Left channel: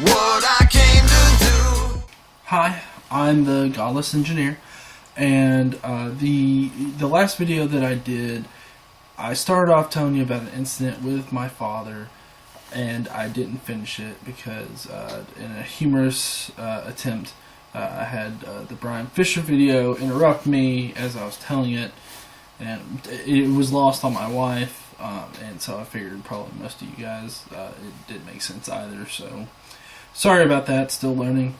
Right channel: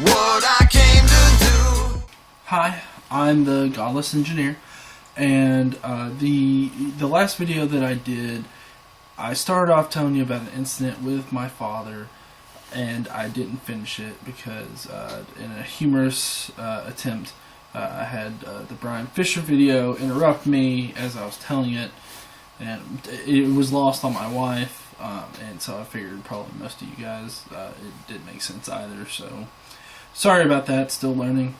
what I came to do. Hi, I'm the Godless engineer, and the last video that I did, I started off telling you about an incident with my father, and I didn't finish it because in a humorous attempt, I had the Brian Fisher video interrupt me as I was telling it, and it was lost on my wife, and so I figured probably most of you guys it didn't make sense either, so sorry about that, still learning.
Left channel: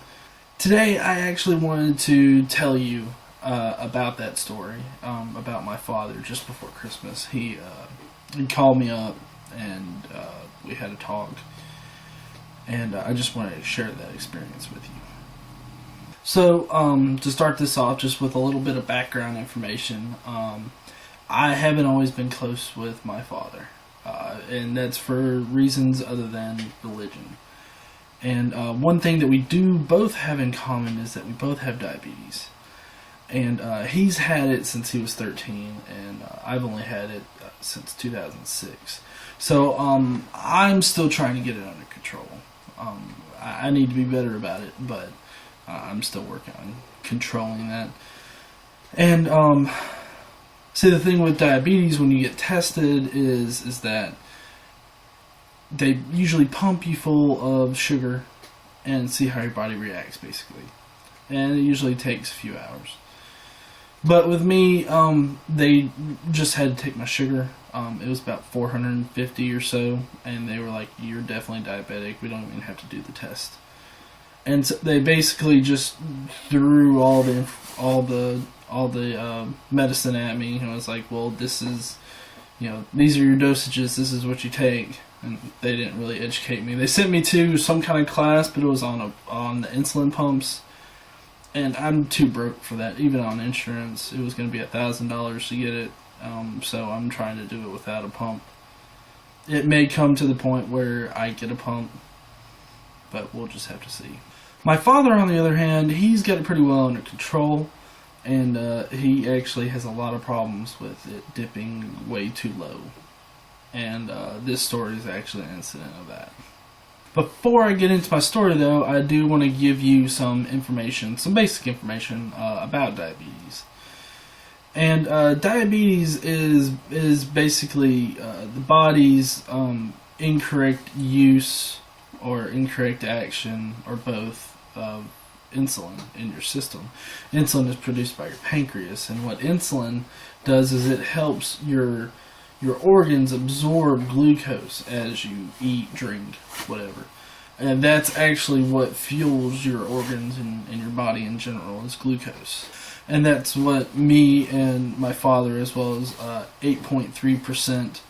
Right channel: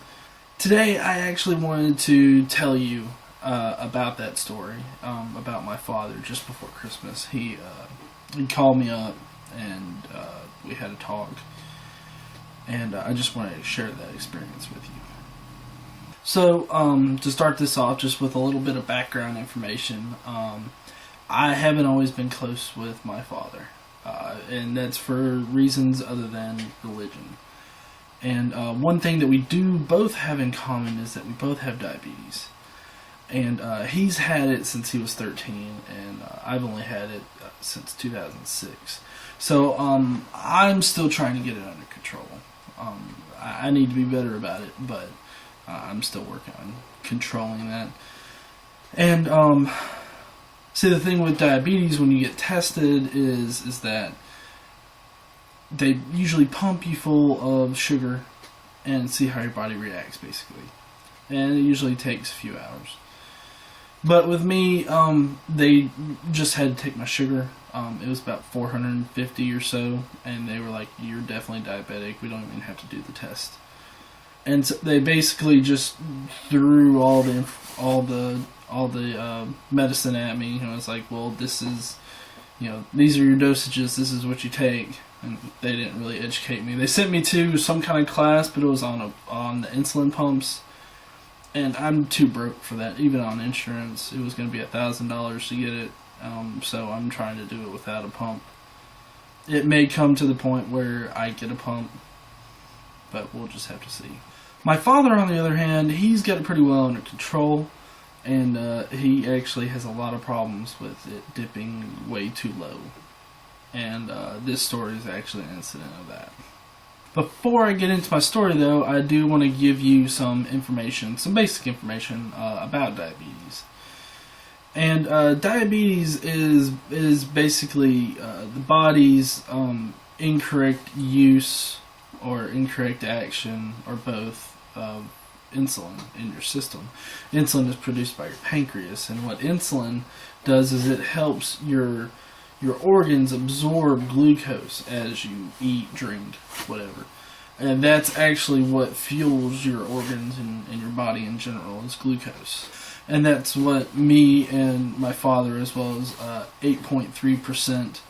Today I actually wanted to tell you about that story, about my father just before Christmas. He called me up and we had a talk, and I just wanted to share that experience with you. So to start this off, just with a little bit of background information, I haven't always been close with my father, and that's for reasons other than religion. And one thing that we do both have in common is that we both have diabetes. And he's had it since he was 13, and I've only had it since 2006. So I'm still trying to get it under control. I need to be better about it, but I'm still working on controlling that. And see, the thing with diabetes when you get tested is that they usually pump you full of sugar and see how your body reacts, basically. And it usually takes a few hours. But with me, they just had to take my sugar. It was about 450 or so, and they were like, "You're definitely diabetic. We don't even have to do the test." And so they basically just threw all the medicine at me, and I was like, "Well, this is, these are your dosages. This is what you take." And they didn't really educate me. They sent me to some kind of class, but it was on the insulin pumps. And I'm too broke for that. Even on insurance, it was going to be $1,000 to get it. So I'm trying to do it without a pump. It may come to the point where I get a pump, but we'll just have to see. My father, on the other hand, he's got it pretty well under control, and he actually has a lot of problems with it dipping way too low. And this story is actually an incident of that. Before I get into my story, though, I do want to give you some information, some basic information about diabetes. And diabetes is basically the body's incorrect use or incorrect action, or both, of insulin in your system. Insulin is produced by your pancreas, and what insulin does is it helps your organs absorb glucose as you eat, drink, whatever. And that's actually what fuels your organs and your body in general, is glucose. And that's what me and my father, as well as 8.3%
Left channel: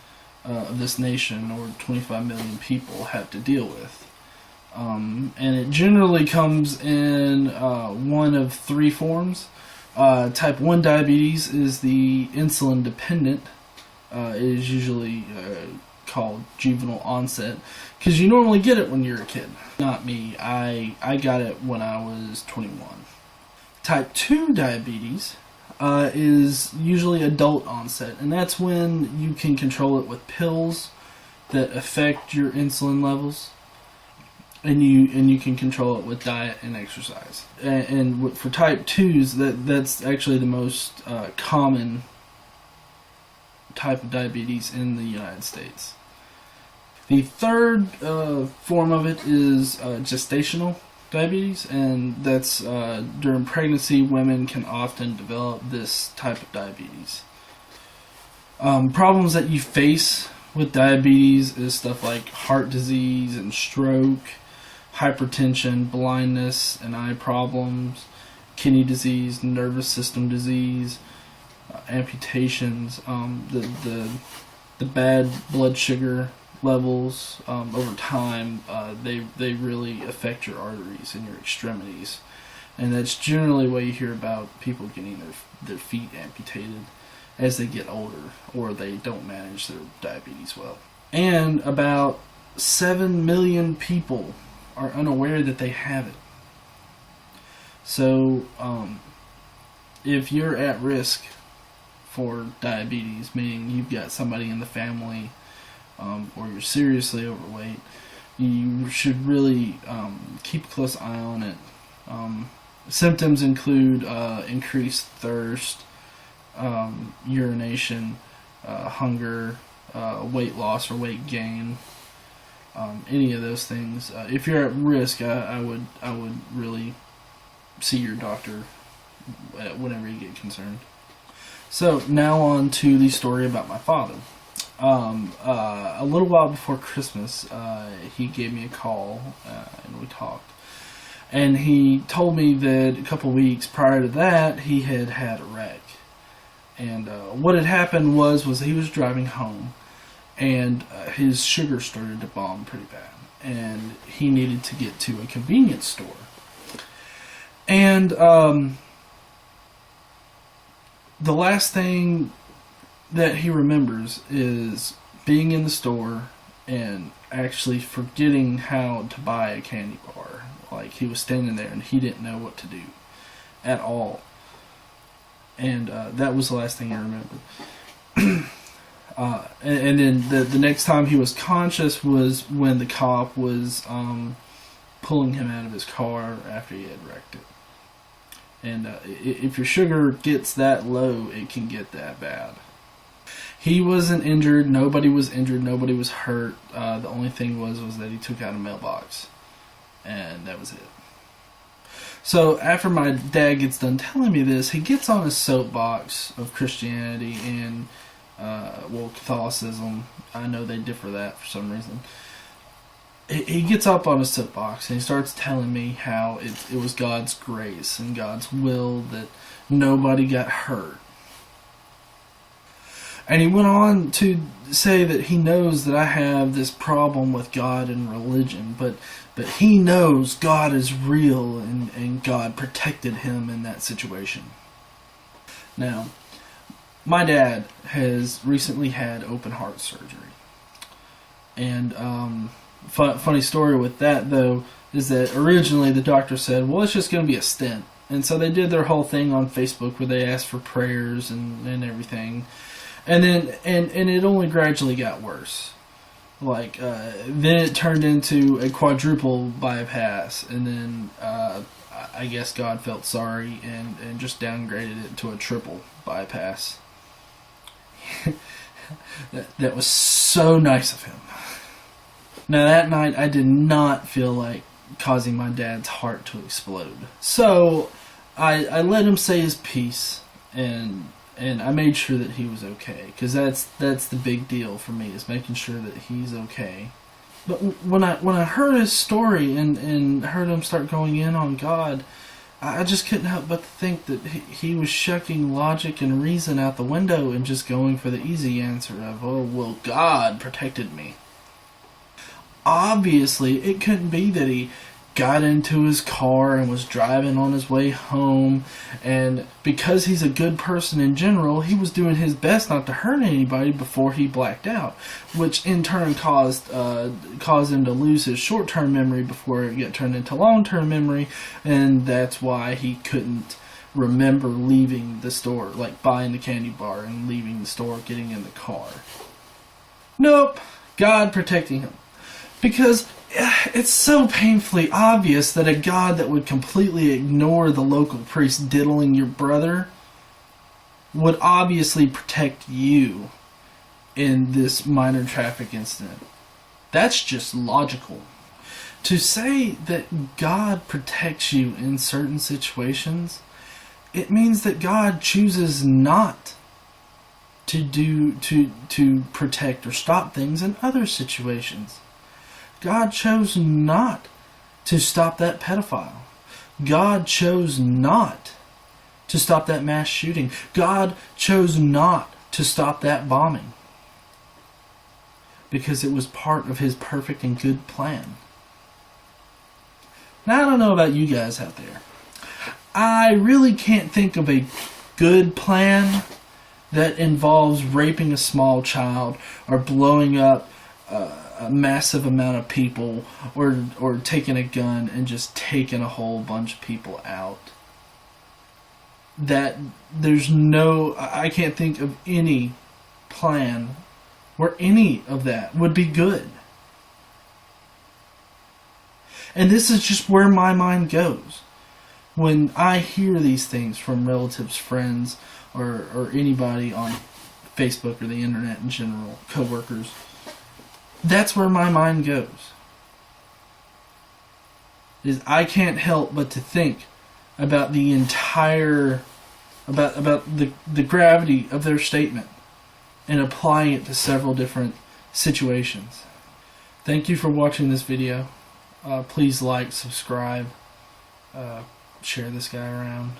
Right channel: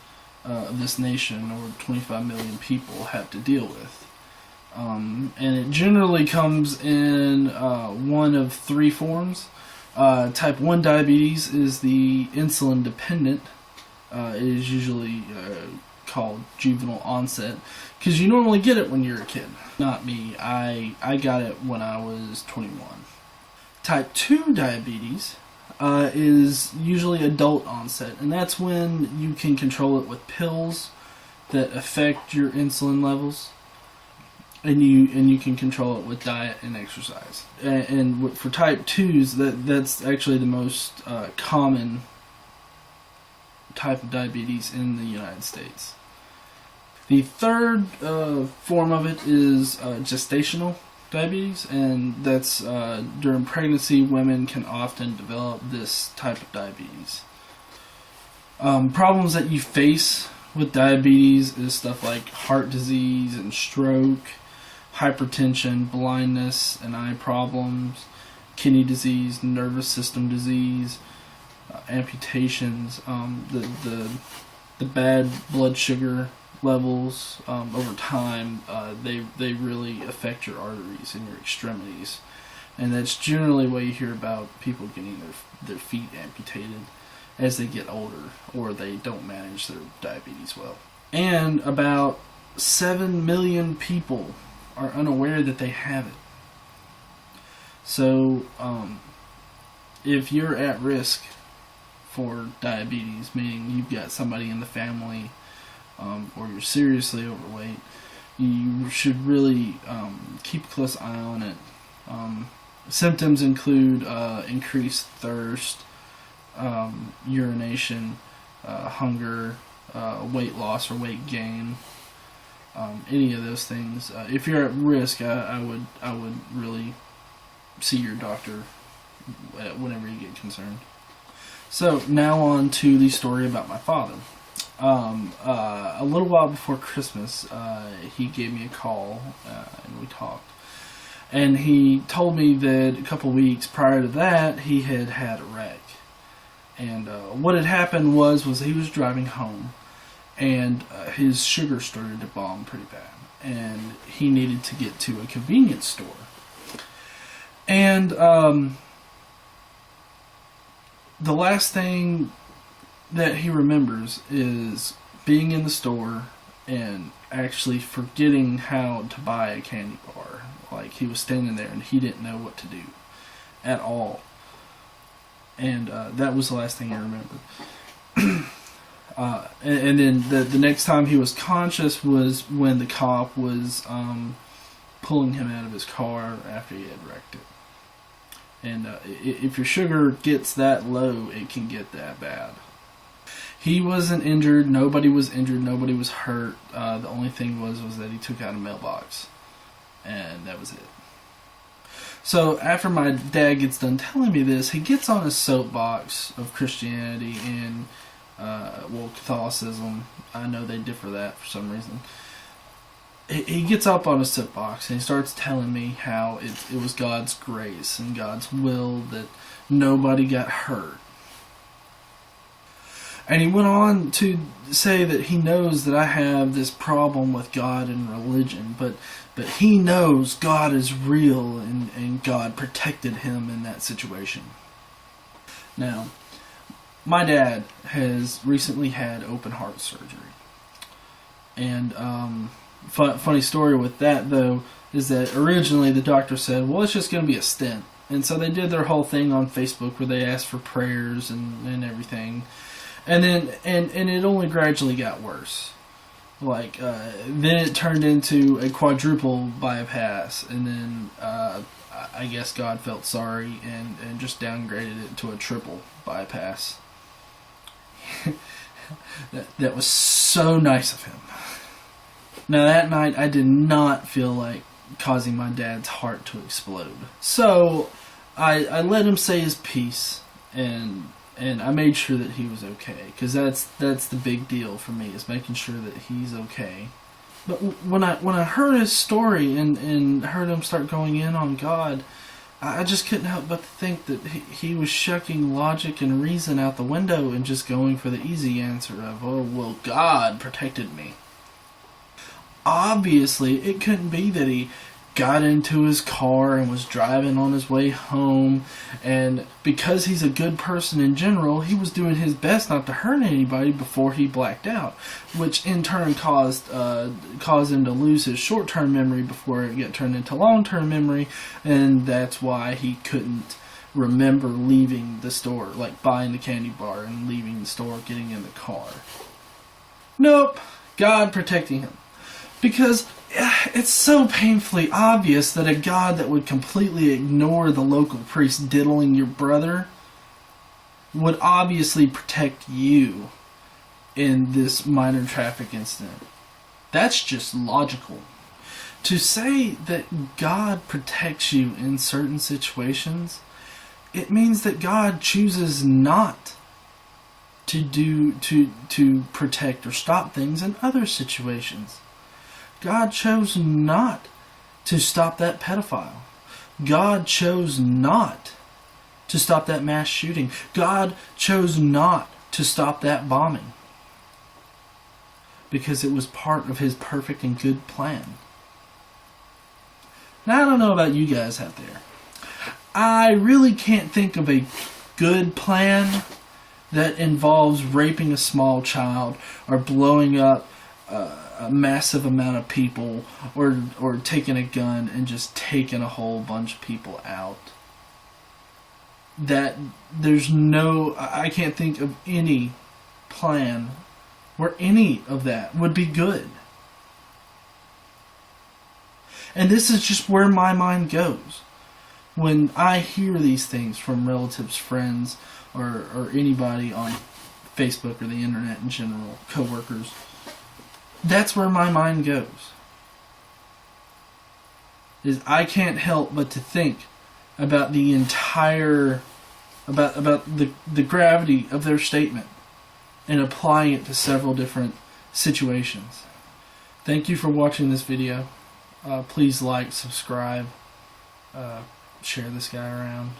of this nation, or 25 million people, have to deal with. And it generally comes in one of three forms. Type 1 diabetes is the insulin dependent. It is usually called juvenile onset, because you normally get it when you're a kid. Not me. I got it when I was 21. Type 2 diabetes is usually adult onset, and that's when you can control it with pills that affect your insulin levels, and you can control it with diet and exercise. And for type 2s, that's actually the most common type of diabetes in the United States. The third form of it is gestational diabetes, and that's during pregnancy, women can often develop this type of diabetes. Problems that you face with diabetes is stuff like heart disease and stroke, hypertension, blindness and eye problems, kidney disease, nervous system disease, amputations, the bad blood sugar levels over time, they really affect your arteries and your extremities, and that's generally what you hear about people getting their feet amputated as they get older, or they don't manage their diabetes well. And about 7 million people are unaware that they have it. So if you're at risk for diabetes, meaning you've got somebody in the family, or you're seriously overweight, you should really keep a close eye on it. Symptoms include increased thirst, urination, hunger, weight loss or weight gain, any of those things. If you're at risk, I would really see your doctor whenever you get concerned. So now on to the story about my father. A little while before Christmas, he gave me a call and we talked. And he told me that a couple weeks prior to that, he had had a wreck. And what had happened was he was driving home, and his sugar started to bomb pretty bad, and he needed to get to a convenience store. And the last thing that he remembers is being in the store and actually forgetting how to buy a candy bar. Like, he was standing there and he didn't know what to do at all. And that was the last thing I remembered. And then the next time he was conscious was when the cop was pulling him out of his car after he had wrecked it. And if your sugar gets that low, it can get that bad. He wasn't injured. Nobody was injured. Nobody was hurt. The only thing was that he took out a mailbox. And that was it. So after my dad gets done telling me this, he gets on his soapbox of Christianity and, Catholicism. I know they differ that for some reason. He gets up on his soapbox and he starts telling me how it was God's grace and God's will that nobody got hurt. And he went on to say that he knows that I have this problem with God and religion, but he knows God is real and God protected him in that situation. Now, my dad has recently had open heart surgery. And funny story with that, though, is that originally the doctor said, well, it's just going to be a stent. And so they did their whole thing on Facebook where they asked for prayers and everything. And then, and it only gradually got worse. Like, then it turned into a quadruple bypass, and then I guess God felt sorry and just downgraded it to a triple bypass. that was so nice of him. Now, that night, I did not feel like causing my dad's heart to explode. So, I let him say his piece, and I made sure that he was okay, because that's the big deal for me, is making sure that he's okay. But when I heard his story and heard him start going in on God, I just couldn't help but think that he was shucking logic and reason out the window and just going for the easy answer of, oh, well, God protected me. Obviously, it couldn't be that he got into his car and was driving on his way home, and because he's a good person in general, he was doing his best not to hurt anybody before he blacked out, which in turn caused him to lose his short-term memory before it got turned into long-term memory, and that's why he couldn't remember leaving the store, like buying the candy bar and leaving the store, getting in the car. Nope, God protecting him. Because it's so painfully obvious that a God that would completely ignore the local priest diddling your brother would obviously protect you in this minor traffic incident. That's just logical. To say that God protects you in certain situations, it means that God chooses not to protect or stop things in other situations. God chose not to stop that pedophile. God chose not to stop that mass shooting. God chose not to stop that bombing. Because it was part of his perfect and good plan. Now, I don't know about you guys out there. I really can't think of a good plan that involves raping a small child or blowing up a massive amount of people, or taking a gun and just taking a whole bunch of people out. That I can't think of any plan where any of that would be good. And this is just where my mind goes. When I hear these things from relatives, friends, or anybody on Facebook or the internet in general, coworkers, that's where my mind goes. Is I can't help but to think about the entire, about the gravity of their statement and applying it to several different situations. Thank you for watching this video. Please like, subscribe, share this guy around.